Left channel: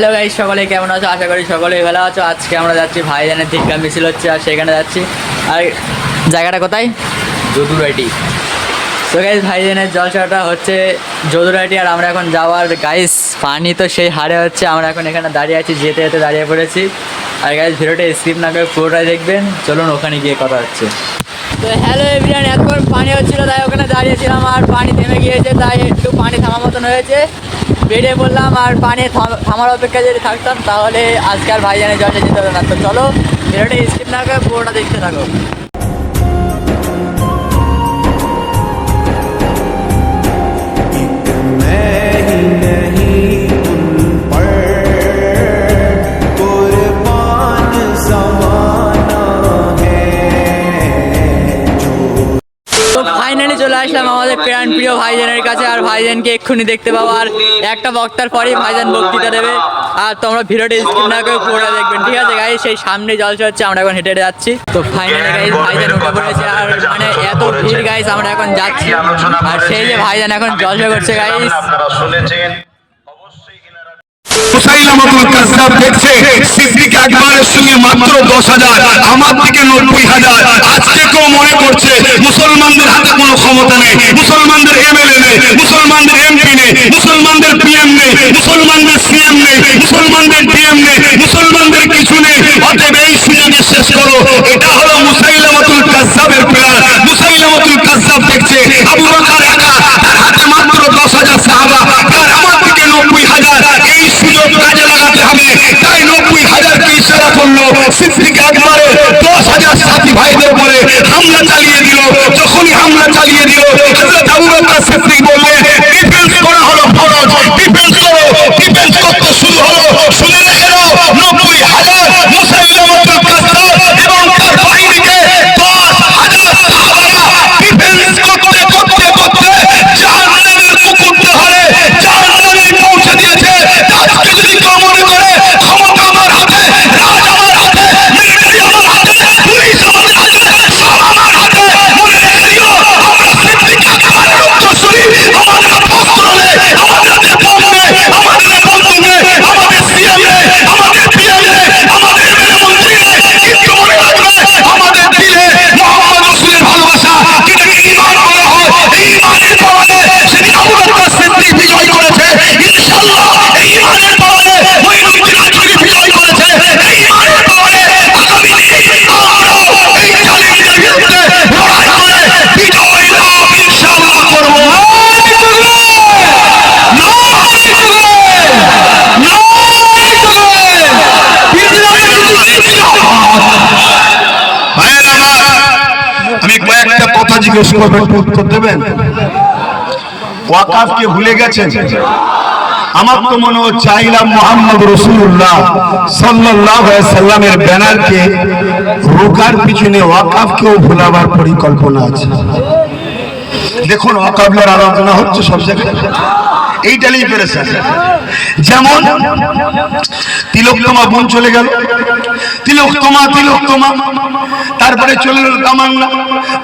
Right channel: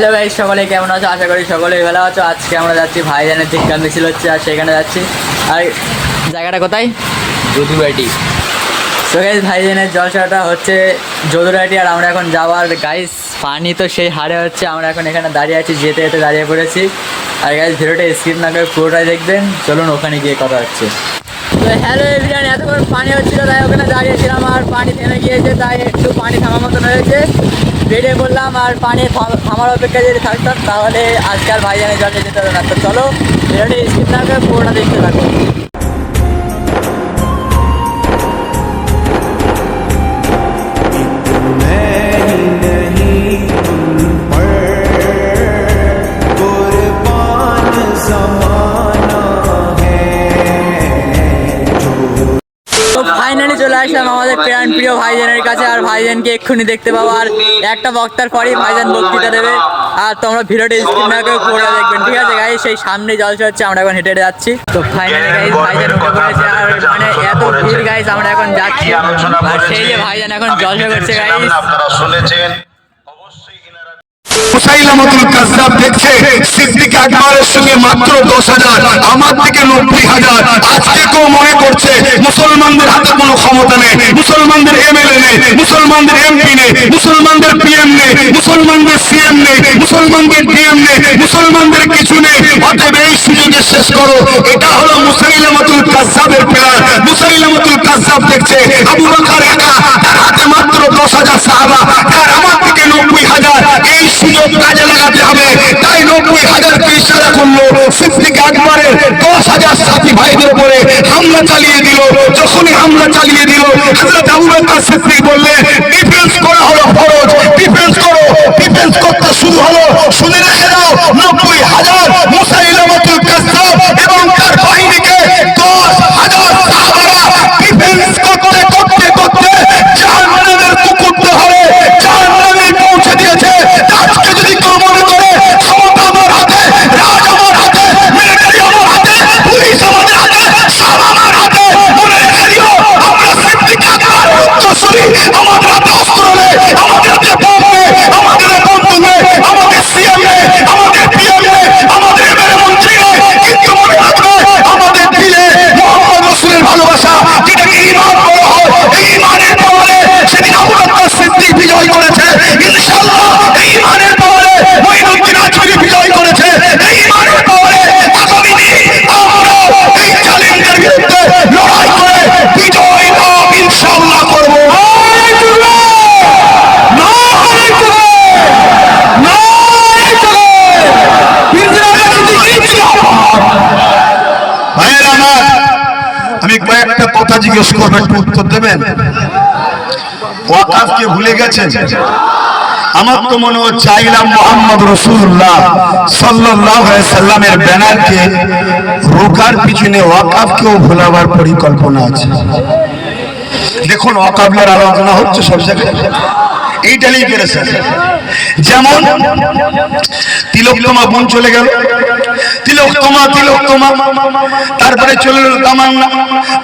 Hello guys সকলে কেমন আছো? আশা করি সকলে ভালো আছো। আজকে আমরা যাচ্ছি ভাইজানের ধিক্কা মিছিল হচ্ছে আর সেখানে যাচ্ছি। আর জায়গাটা কোথায়? যদুরাটি তো গাইস ভাইজানের জলসাটা হচ্ছে যদুরাটি আর আমরা এখন যাওয়ার গাইস পানি তো সেই হারে হচ্ছে আমরা এখন এখানে দাঁড়িয়ে আছি যেতে যেতে দাঁড়িয়ে পড়েছি। আর গাইস ভিডিওটা স্কিপ না করে পুরোটাই দেখবেন। চলুন ওখানে গিয়ে কথা হচ্ছে। তো হ্যালো এভরিওয়ান এতক্ষণ পানি হচ্ছিল, তাই ওখানে দাঁড়িয়েছিলাম আর পানি থেমে গিয়েছে, তাই একটু পানি থামার মতন হয়েছে। বেড়ে পড়লাম আর পানি থাম- থামার অপেক্ষা যদি থাকতাম, তাহলে আজকাল ভাইজানে ভাইজানের জলে যেতে হবে না। তো চলো, ভিডিওটা স্কিপ না করে পুরোটা দেখতে থাকো। চলে আসলাম আমাদের প্রাণ প্রিয় ভাইজানের কাছে, আর ভাইজানকে এক্ষুনি দেখতে পাবো। আর একটা বক্তার পরেই ভাইজান বক্তৃতা দেবে। আর তোমরা ভিডিওটা স্ক্রিন না করে পুরোটা দেখবেন, ঠিক আছে গাই সেই সামনে জল চলছে আমরা এখন হেঁটে যাচ্ছি। তো ফাইনালি গাইজ ভাইজান উঠে পড়েছে, আর মানে এত ভিড় গাইস আমরা এখন যাচ্ছি। আর সেই যে ভাইজান এখন জলসা করছে গাইজ আপনারা শুনেছেন মুসাইলামাতুল কাজ্জাব দেখছে মনে মুসলমানদের হাতে কোনো ক্ষমতা নেই, মুসলমানদের এমপি নেই, মুসলমানদের পিএম নেই, মুসলমানদের সিএম নেই, মুসলমানদের ডিএম নেই, মুসলমানদের কিছু নেই। অতএব এই সুযোগে শেষ করো। এটা হলো মুসাইলামাতুল কাজ্জাবের প্ল্যান মুসাইলামাতুল কাজ্জাব দেখছে, আবু বকর একা হাজার সুযোগ কাজে লাগাতে হবে। তাই নব্বই হাজারকে ইশারা করল সিদ্দিক আকবরে। দশ হাজার সাথী ভাইদের উপরে হামলা চালিয়ে দিল। যখনই হামলা চালিয়ে দিল, হযরত আবু বকর সিদ্দিক বললে কথা জিজ্ঞেস করব একটু উত্তর দেবেন? ওয়াকাফকে ভুলে গেছেন? আমার তো মনে হচ্ছে আইলাম মোহাম্মদ রসুল্লাহ সাল্লাহ সাল্লামের ব্যানারকে রোকার পিছনে ওয়াকাফকেও ভোলাবার পরিকল্পনা আছে। দেখুন অকাবলার আলোচনা হচ্ছে সব জায়গায়। এইটা নিয়ে পেরেছেন যেমন, তিলোত্তমা বোন চলে গেল। তিলোত্তমা তিলোত্তমা। তারপরে চলে এলো তামান্না।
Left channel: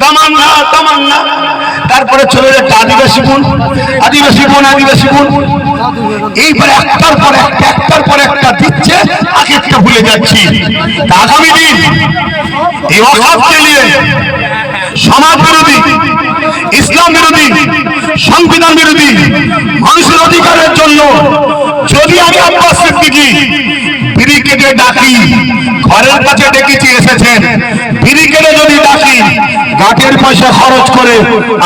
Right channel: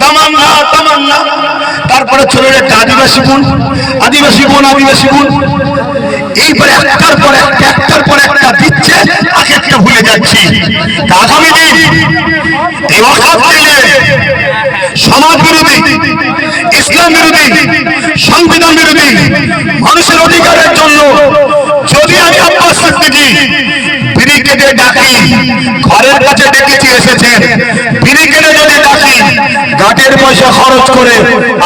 তামান্না তামান্না। তারপরে চলে একটা আদিবাসী বোন আদিবাসী বোন আদিবাসী বোন। এইবারে একটার পর একটা, একটার পর একটা দিচ্ছে এক একটা ভুলে যাচ্ছি। আগামী দিন এই অখাতকে নিয়ে সমাজ বিরোধী, ইসলাম বিরোধী, সংবিধান বিরোধী, মানুষের অধিকারের জন্য যদি আমি আব্বাস সিদ্দিকী, ব্রিগেডে ডাকি, ঘরের কাছে ডেকেছি এসেছেন ব্রিগেডে যদি ডাকি পয়সা খরচ করে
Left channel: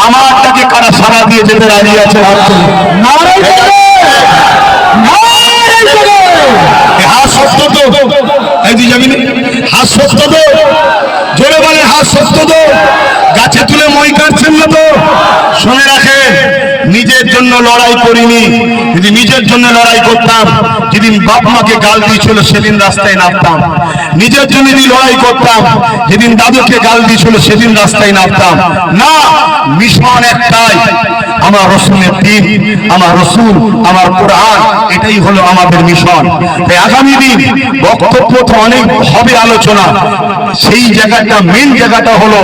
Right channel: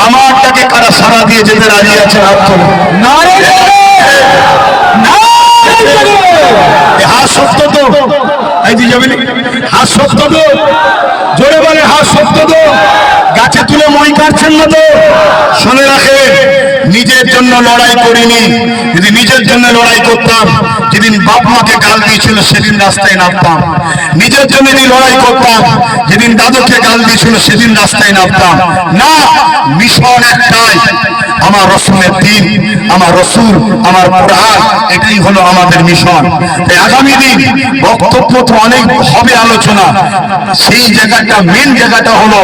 আমারটাকে কারা সারা দিয়ে যেতে রাজি আছে হাত তো। এই দিয়ে যাবেন হাত সত্য তো। জোরে বলে হাত তো। গাছে তুলে মই কাটছেন না তো? শুনে রাখে নিজের জন্য লড়াই করিনি যদি নিজের জন্য লড়াই করতাম, যেদিন বাপ মাকে গাল দিয়েছিল, সেদিন রাস্তায় নামতাম। নিজের জন্য লড়াই করতাম, যেদিন দাদুকে গাল দিয়েছিল, সেদিন রাস্তায় নামতাম। না, মিশন একটাই, আমার রসুলের দিন, আমার রসুল, আমার কোরআন, এটাই হলো আমাদের মিশন। তাই আগামী দিন বক্তব্য তো অনেক হবে আলোচনা, সেই জায়গাটা মেন জায়গাটা হলো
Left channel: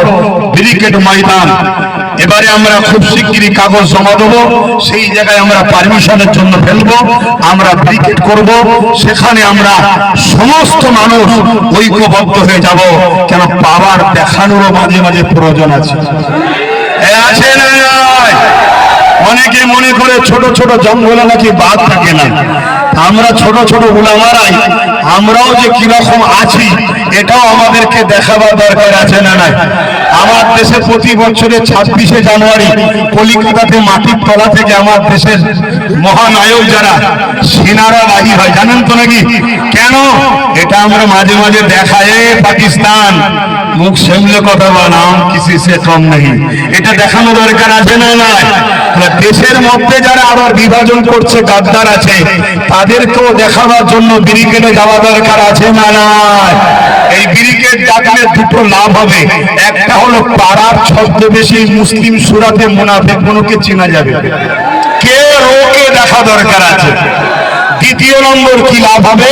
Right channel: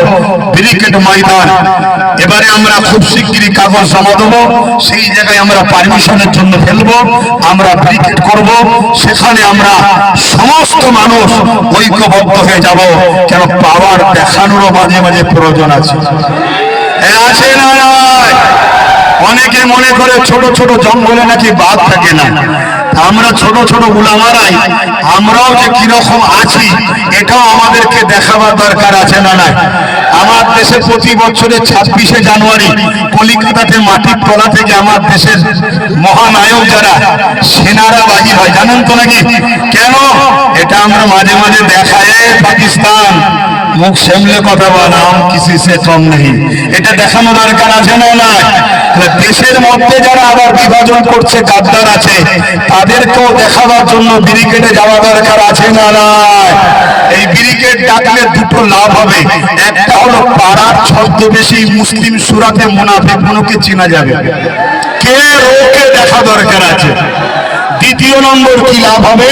ব্রিকেট ময়দান। এবারে আমরা খুব শিগগিরই কাগজ জমা দেবো, সেই জায়গায় আমরা পারমিশনের জন্য ফেলব, আমরা ব্রিকেট করব, সেখানে আমরা সমস্ত মানুষ ঐক্যবদ্ধ হয়ে যাব, কেন পাওয়ার দেখানোরও মাঝে মাঝে প্রয়োজন আছে। আছে না অনেকে মনে করে ছোট ছোট জঙ্গলে নাকি বাদ থাকে না। আমরা ছোট ছোট উলামারাই, আমরাও যে কীরকম আছি, এটাও আমাদেরকে দেখাবার দরকার আছে না নাই? আমার দেশে প্রতি বছরের ছাব্বিশে জানুয়ারি কলিকাতাতে মাটির তলা থেকে আমার দেশের মহানায়ক যারা, সেনারা বাহির হয়। জানেন তো নাকি? কেন? এটা আমরা মাঝে মাঝে দেখায় পাকিস্তান। মুখ সামলে কথা বানাম কিসি সে কম নেই। এটা দেখানো দরকার আছে না নাই? দেশের মধ্যে যারা আবার বিভাজন করছে, গাদ্দার আছে, তাদেরকেও দেখাবার জন্য ব্রিগেডে যাওয়া দরকার আছে না নাই? এই ব্রিগেড ডাকলে দুটো লাভ হবে, একটা হলো পাড়ার ছদ্মবেশী মুসলিম সুরাতে মুনাফে গুলোকে চেনা যাবে? কে রোকে দেখা দরকার আছে? দ্বিতীয় নম্বর কি লাভ হবে?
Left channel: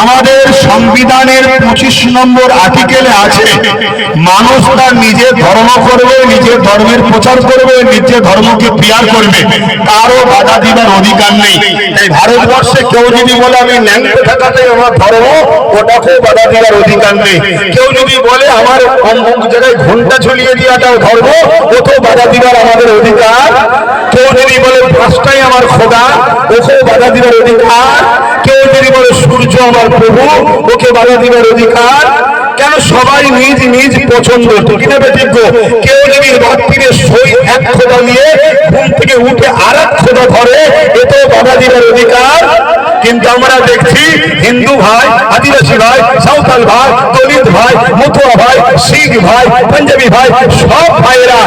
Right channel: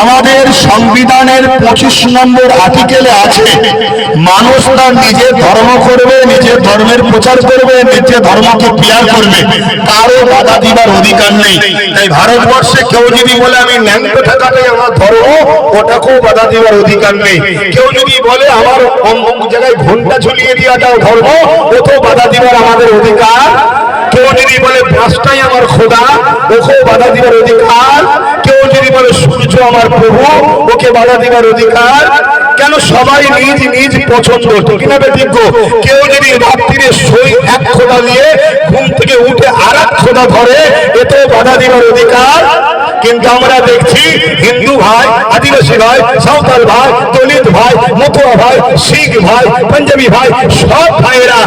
আমাদের সংবিধানের পঁচিশ নম্বর আর্টিকেলে আছে, মানুষ তার নিজের ধর্ম করবে, নিজের ধর্মের প্রচার করবে, নিজের ধর্মকে পিয়ার করবে। কারও বাধা দিবার অধিকার নেই। তাই ভারতবর্ষে কেউ যদি বলে, আমি ন্যাংটো থাকাটাই আমার ধর্ম, ওটাকেও বাধা দেওয়ার অধিকার নেই। কেউ যদি বলে, আমার অমুক জায়গায় ঘণ্টা ঝুলিয়ে দেওয়াটাও ধর্ম, ওকেও বাধা দিবার আমাদের অধিকার বাধা দিবার অধিকার? কেন সবাই নিজ নিজ পছন্দ? ঠিক না কেউ যদি রাত্রিরে সই এক খোদা নিয়ে ঘুম থেকে উঠে আর এক খোদা ধরে, এতেও বাধা দিবার অধিকার? কিন্তু আমরা দেখছি হিন্দু ভাই, আদিবাসী ভাই, সাঁওতাল ভাই, দলিত ভাই মতুয়া ভাই, শিখ ভাই, পাঞ্জাবি ভাই, সব ভাইয়েরা,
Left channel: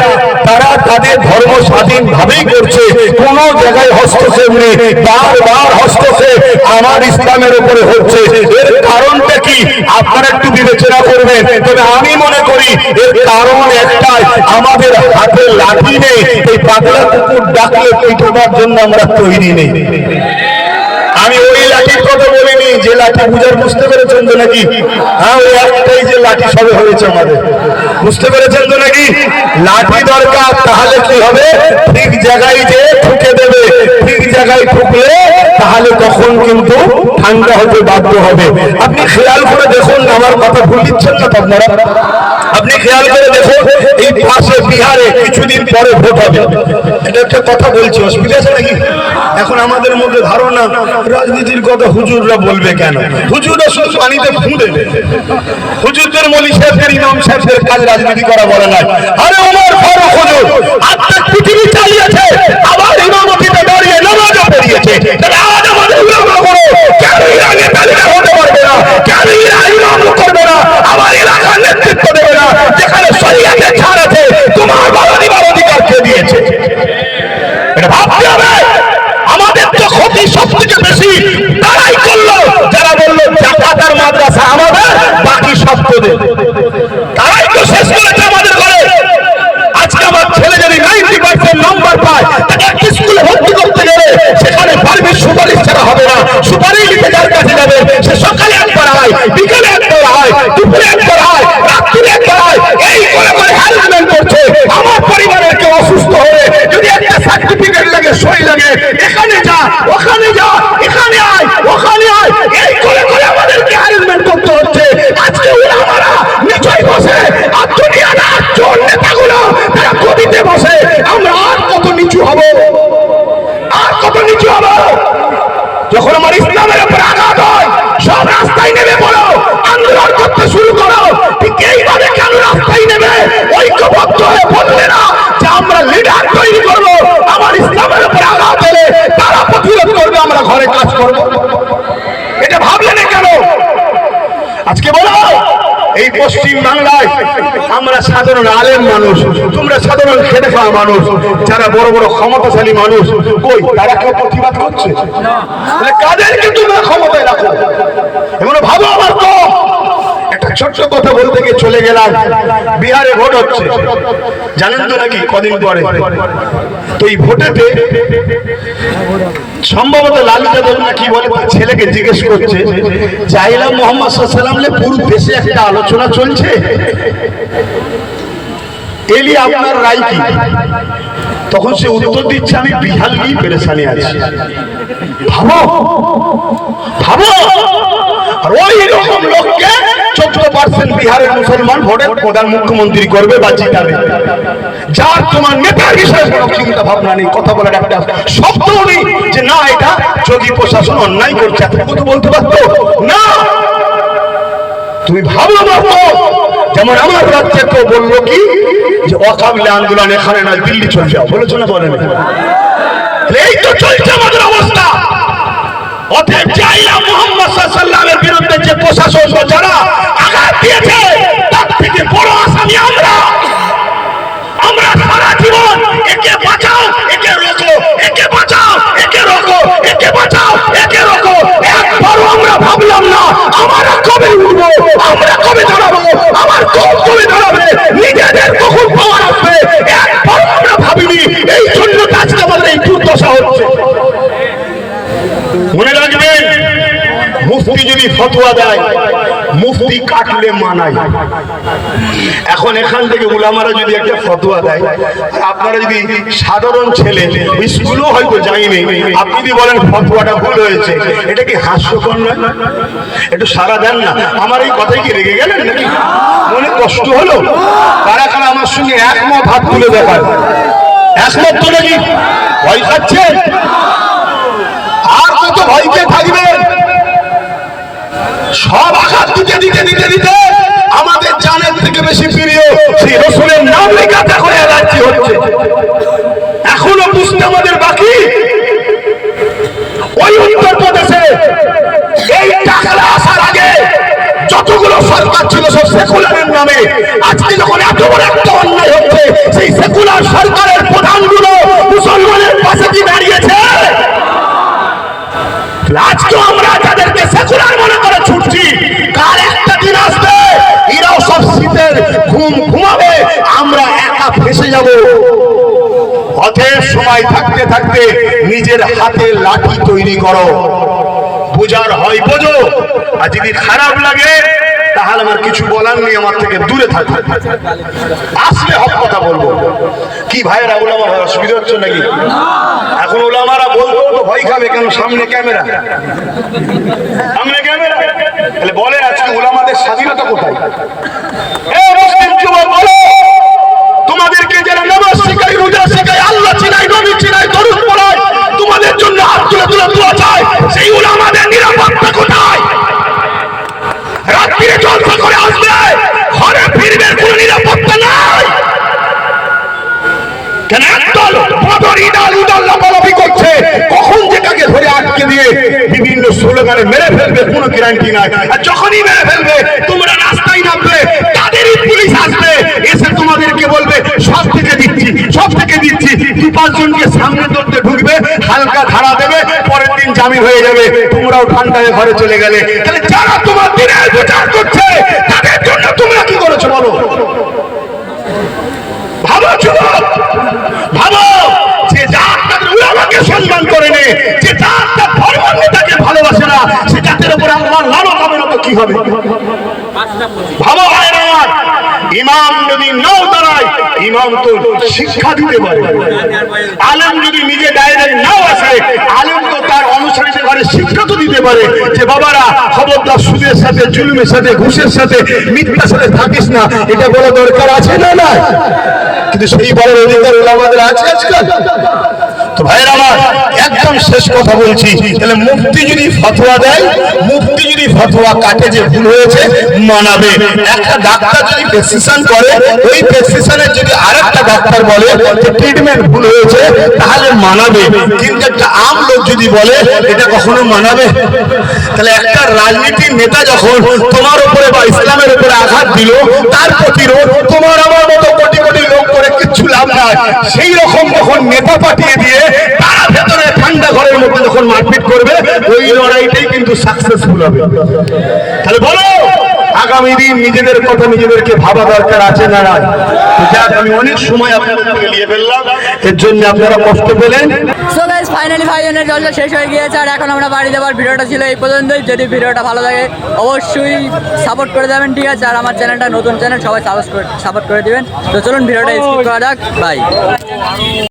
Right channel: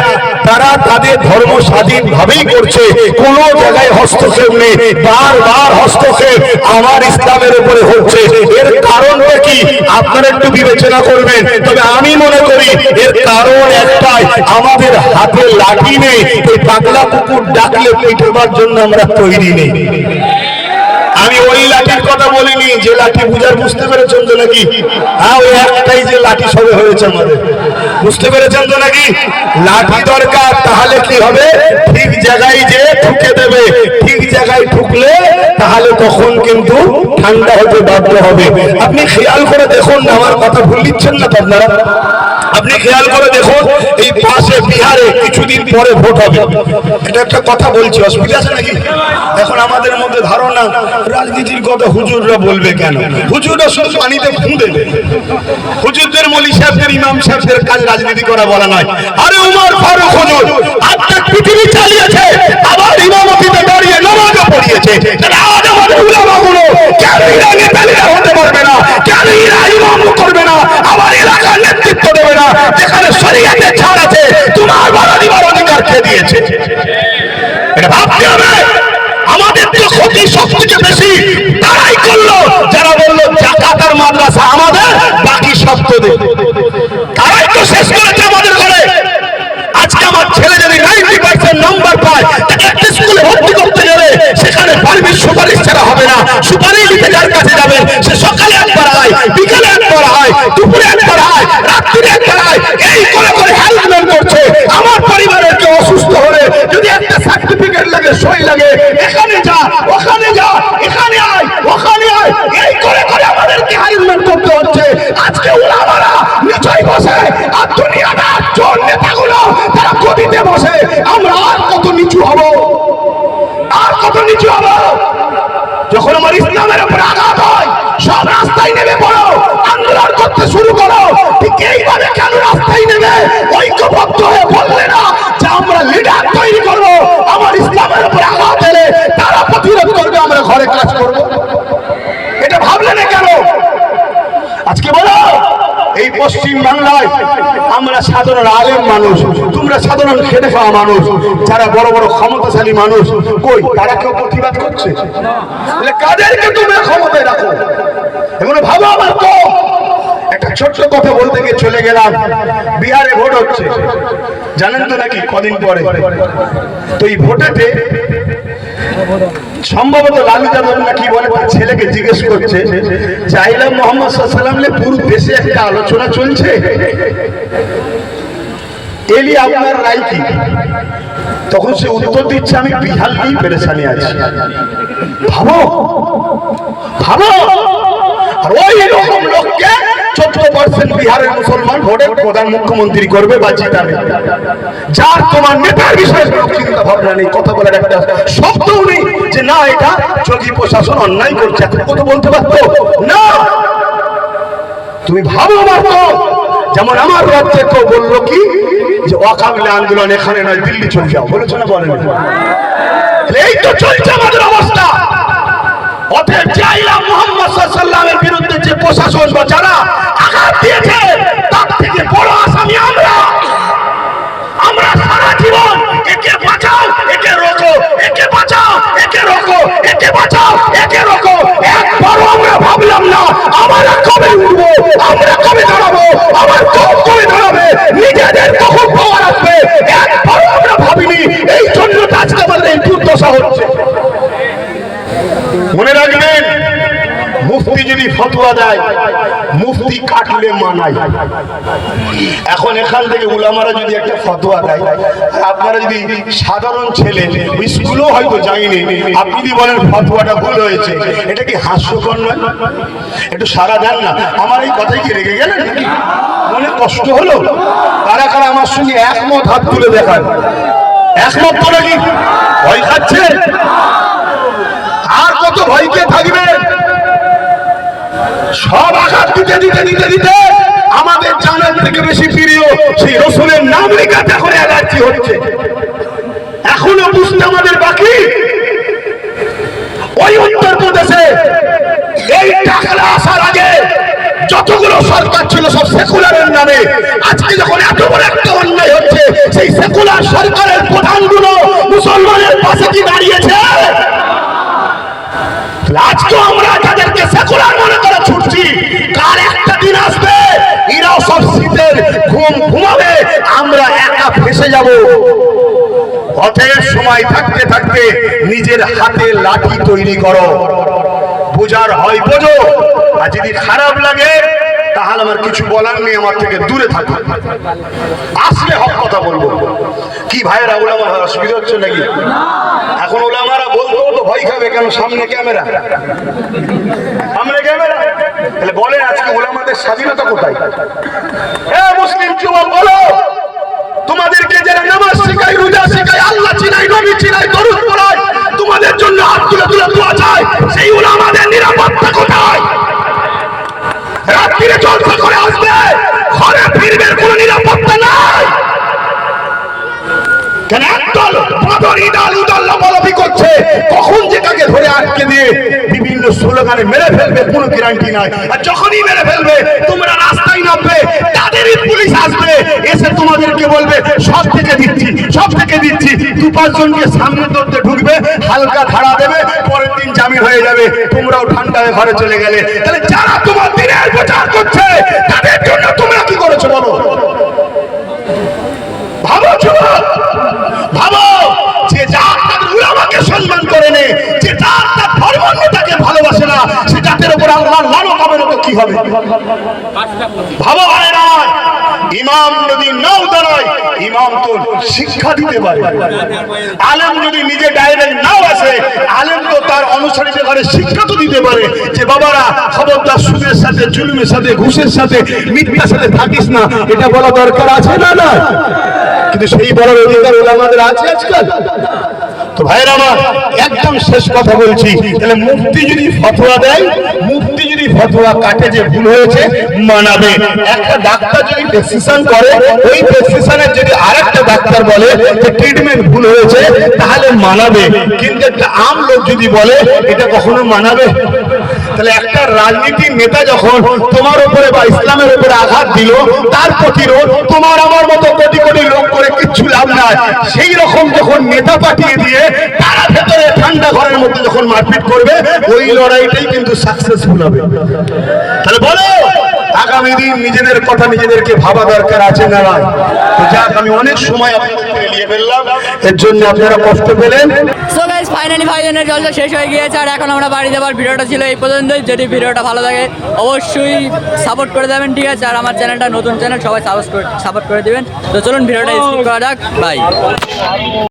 তারা তাদের ধর্ম স্বাধীন ভাবেই করছে। কোন জায়গায় হস্তক্ষেপ নেই। বারবার হস্তক্ষেপ আমার ইসলামের উপরে হচ্ছে। এর কারণটা কি? আপনারা একটু বিবেচনা করবেন। তবে আমি মনে করি, এর কারণ একটাই, আমাদের হাতে লাঠি নেই। এই পাগলা কুকুর ডাকলে পিঠবার জন্য আমরা তৈরি নেই। লাঠির কথা বলিনি, যে লাঠি বুঝার বুঝতে পেরেছেন তো নাকি? হ্যাঁ ওই একটাই যে লাঠি সবে হয়েছে আমাদের। বুঝতে পেরেছেন তো নাকি? লাঠি দরকার, তাহলে কি হবে? ঠিক জায়গায় যে ঠুকে দেবে, ঠিক জায়গায় ঠুকলে তাহলে তখন কিন্তু ঠান্ডা হতে বাধ্য হবে। আপনি খেয়াল করে দেখুন, আমার কথা ভুল দিচ্ছেন না তো আপনারা? আপনি খেয়াল করে দেখুন, এই পাশে বিহারে কিছুদিন পরে ভোট হবে। এটা একটা কথা বলছি, অসুবিধা আছে নাকি? এখন আমাদের মধ্যে ধারণা, রাজনীতির কথা হুজুররা বলবে কেন? হুজুররা শুধু পানিতে ফু দেবে। হুজুরদের মলি সাহেবদের, ইমাম সাহেবদের কাজ রাজনীতি করা বলা নয়। আরে উমর ফারুক হুজুর আত্মা পৃথিবী চালিয়েছে, আবার ইমামতিতে দাঁড়িয়ে নামাজও পড়িয়েছে। তাহলে তোমার ক্ষতি সব থেকে বেশি তারাই করল। যারা বলল, জাকাতার মাদ্রাসা আমাদের, বাকি সব তোদের। তারাই তো শেষ করেছে আমাদের ঘরে। আজকে আমার ছেলে যদি নাইনটি পার্সেন্ট নম্বর পায়, তাকে একটা স্কুলে ভর্তি করতে গেলে সেখানে পারমিট সুপারিশ ছাড়া হবে না। সুপারিশ দিতে যার কাছে যাবে, সে সকালে একবার হয় বিকেলে একবার হয় দুপুরে একবার হয় রাত্রিরে একবার হয় এই করে করে হ্যারাসমেন্ট করছে। আমার পরিবারের কেউ অসুস্থ হলে যদি একটা সার্টিফিকেট লাগে, সই লাগে, এখানে ওখানে যা, এখানে আয়, ওখানে আয়। এই করে করে আমাদেরকে হ্যারাসমেন্ট করতে হচ্ছে। আজকে ওরা আমরা নিচয় বসে। আর দুনিয়াটা চোর নেতাগুলো তারা গদিতে বসে। আমরা আর কত নিচু হব? আর কত নিচু হব? যখন আমার ইসলামের উপর আঘাত হয়, সব রাস্তায় নেমে পড়ো। আন্দোলন করতে শুরু করো। ঠিক এইভাবে কেন রাস্তায় নেমে? ঐক্যবদ্ধ হয়ে বললে না যে আমরা লিডার তৈরি করব। আমার ইসলামের উপর আঘাত তারা প্রতিরোধ করবে, আমরা ঘরে কাজ করব। এটা ভাবলে না কেন? আজকে বলো, এই পশ্চিম বাংলায় আমরা সাধারণ আলেম মানুষ, তোমরা সাধারণ খেটে খাওয়া মানুষ, যারা বড় বড় ক্ষমতাশালী মানুষ, কই, তারা কেউ প্রতিবাদ করছে? কাদেরকে তোমরা ক্ষমতায় রাখো? এমন ভাবো আমার তো। ছোট্ট কথা বলতে গিয়ে চলে গেলাম। বিহারে ভোট হচ্ছে। জানেন তো নাকি কদিন পরে? তো এই ভোটেতে সম্ভবত লালু যাদব না কি বলে ছেলেকে জিজ্ঞেস করছে চাইলাম মোহাম্মদ সাল্লাম পুরো দেশে একটা আলোচনা চলছে? এলি আপনার রায় কি? তখন সে উত্তর দিচ্ছে, আমি বিহার নিয়ে পেরেছানি আছি। ভাবো ভাবো। আর ওই রকম লোককে চোদ্দ পার্সেন্ট বিহারের মুসলমান ভোটে প্রধান মুখ্যমন্ত্রী করবে বা জিতাবে। যার তোমার নেতার বিষয়ে কোনো চিন্তা ভাবনা নেই, কথা বলার একটা শব্দ নেই যে না, এটা যোগী প্রশাসন অন্যায় করছে, এতটুকু তো বলতে পারতো। না! তুমি ভাবো মাত্র যেমন আমার রাজ্যে কেউ বলল কি, যে অকাবলে আন্দোলন এখানে নয়, দিল্লি চলে যাও। বলেছ না বলেনি? এই তো চলছে আমাদের অবস্থা। অতএব চাইলা মোহাম্মদ সাল্লামের বিরুদ্ধে যে প্রশাসন বা যারা আঘাত দিয়েছে, তার থেকে বড় আসামি আমরা। আমরা সারা জীবন একে বাঁচাও, একে রোকো ফতোয়া দেয়, মুফতি কাটলে মানায়। এখন এখান থেকে উলামারা যদি একটা ফতোয়া দেয়, আপনারা যদি সাধারণ ছেলে স্কুলও হয়তো যায়নি, আপনি যদি বলেন ফতোয়াটা ভুল হয়েছে, এটা কি হাস্যকর নয়? একটু সারা দেন না। আমার এই কথাই কি রেগে গেলেন মনে কষ্ট হলো? কারা কারা আমার সঙ্গে একমত হাত তুলে দেখায়? একমত তো নাকি? ভয় খাচ্ছে? আর কত ভয়কে থাকবেন সব আঘাত দিতে দিতে দিতে দিতে আমাদের জানের থেকে বেশি প্রিয় সেই রসুলের নাম লেখাতে এখন অ্যালার্জি হচ্ছে। এখনও বুঝতে আমাদের বাকি? ওই এই টাকাটা আসার আগে যতগুলো সরকার ছিল সব সেকুলারের নামে। আজকে যখন এত বড় একটা অন্যায় হচ্ছে, সেই সেকুলার সরকারের প্রধানগুলো মুসলমানের পাশে কি দাঁড়িয়েছে? আজকে আমরা তাদেরকে সেকুলার মনে করে ছুটছি। কার একটা দিন আসবে, এরাও সব শীতের ঘুম ঘুমাবে, আমরা একা ফেসে যাব। অথের সময় থাকতে থাকতে নিজের হাতে লাঠি তৈরি করো। বোঝার হয় বোঝো, আর যদি খারাপ লাগে তাহলে আমার কিছু বলার নেই, আমার থেকে দূরে থাকবে আসলে হক কথা বলব। কি ভাইয়েরা ওলামা অসুবিধা হচ্ছে নাকি? এখন ওলামারা বলব তো ভয় খাবে কেন? সামনে ক্যামেরা। সামনে ক্যামেরা। তাহলে বলে আজকে ওলামাদের স্বাধীনতা কোথায়? মুসলিম যুবক, বলো। তোমাদেরকে যারা নামাজ শেখাই রোজা শেখাই আল্লাহ চিনাই নবী চিনাই দরুদ পড়ায়, তোমাদের জন্য হাত তুলে তুলে দোয়া চায়, সেই ওলামাদের নিরাপত্তা কোথায়? রাত্রিরে জলসা করে আসবে। ঘরে ফিরবে, কোনো নিরাপত্তা নাই। কেন একদল বদর ইদাল উদাল লাফালাফি করছে, কখন যে কাকে ধরে আটকে দিয়ে বিভিন্ন স্লোগানে মেরে ফেলবে, কোনো গ্যারান্টি নাই। আর যখনই মেরে ফেলবে, তোমরা রাস্তায় নামবে, তাদেরই পুলিশ আসবে, এসে তোমাদেরকে বলবে, সব থেকে দিচ্ছি, সব থেকে দিচ্ছি। দু পাঁচজনকে সামনে ধরতে ঢুকবে, হালকা ধারা দেবে জামিন হয়ে যাবে, তোমরাও ঠান্ডায় ঘরে চলে গেলে। তাহলে যারা তোমার দিনের প্রচার করছে, তাদের জন্য তোমরা কি করেছ বলো? ভাবো যুবক, ভাবো যে জাত তাদের উলামাকে সম্মান করে নে, যে জাত তার ধর্মান্বিতাকে ভালোবাসে না, সে জাতের উপর আল্লাহ লানত হবে না তো কি হবে? ভাবো ভাই আমার ইমাম যদি নাও দাঁড়ায়, ইমাম তো শিক্ষা দিতে পারে। আলেম যদি নিজে ডাইরেক্ট নাও আসে, আলেম তো তার অনুসারীদের ঘরে শিক্ষা তো দিতে পারে যে, বাবারা, খবরদার সুদের সাথে, জুলুমের সাথে, ঘুষের সাথে, মিথ্যার সাথে থাকিস না। এটা বলা দরকার আছে না না কিন্তু সেই বলার অধিকার ওলামাদের আছে আজকাল। ভাইয়ের আমার, একদম শেষ কথা বলছি। তাহলে মুফতি যদি ফতোয়া দেয় মুফতি যদি ফতোয়া কাটে যে ভুল হয়েছে, মানাবে। একটা ডাক্তার যদি প্রেসক্রিপশন করে, ওই প্রেসক্রিপশনের যদি আরেকটা ডাক্তার বলে যে ট্রিটমেন্ট ভুল হয়েছে, তাহলে মানাবে। কিন্তু একটা আম লোক যদি বলে, এটা কখনো মানাবে? তাহলে একটা রাজনীতির নেতা যখন তোমার উপরে বা ইসলামের উপরে আঘাত দিল, তার প্রতিরোধ তোমার আমার মতো কোটি কোটি লোক করে কিচ্ছু লাভ নাই। সেই রকম যখন নেতা পাঠিয়ে দিয়ে তারা ভেতরে ঠান্ডা ঘরের মধ্যে যখন মারপিট করবে, ওই লড়াইটাই কিন্তু সাকসেসফুল হবে। তাহলে বলো, আগামী দিন নিজেদের কথা নিজেদেরকে ভাবা দরকার আছে না যাক, আমি অনেক সময় আপনাদের নিয়ে ফেললাম। এর জন্য আপনারা কষ্ট পেলেন। ফাইনালি ফাইনালের জলটা শেষ হয়ে গিয়েছে আর এখন আমরা বাড়ি যাবার ভিডিওটা ছিল এই পর্যন্তই। যদি ভিডিওটা ভালো লাগে, অবশ্যই সাপোর্ট করে দেবেন, ঠিক আছে? আর আমার চ্যানেলটা নতুন চ্যানেল, সবাই সাপোর্ট করে দিবেন। তো চলুন ভিডিওটা স্কিপ করা যাক। বাই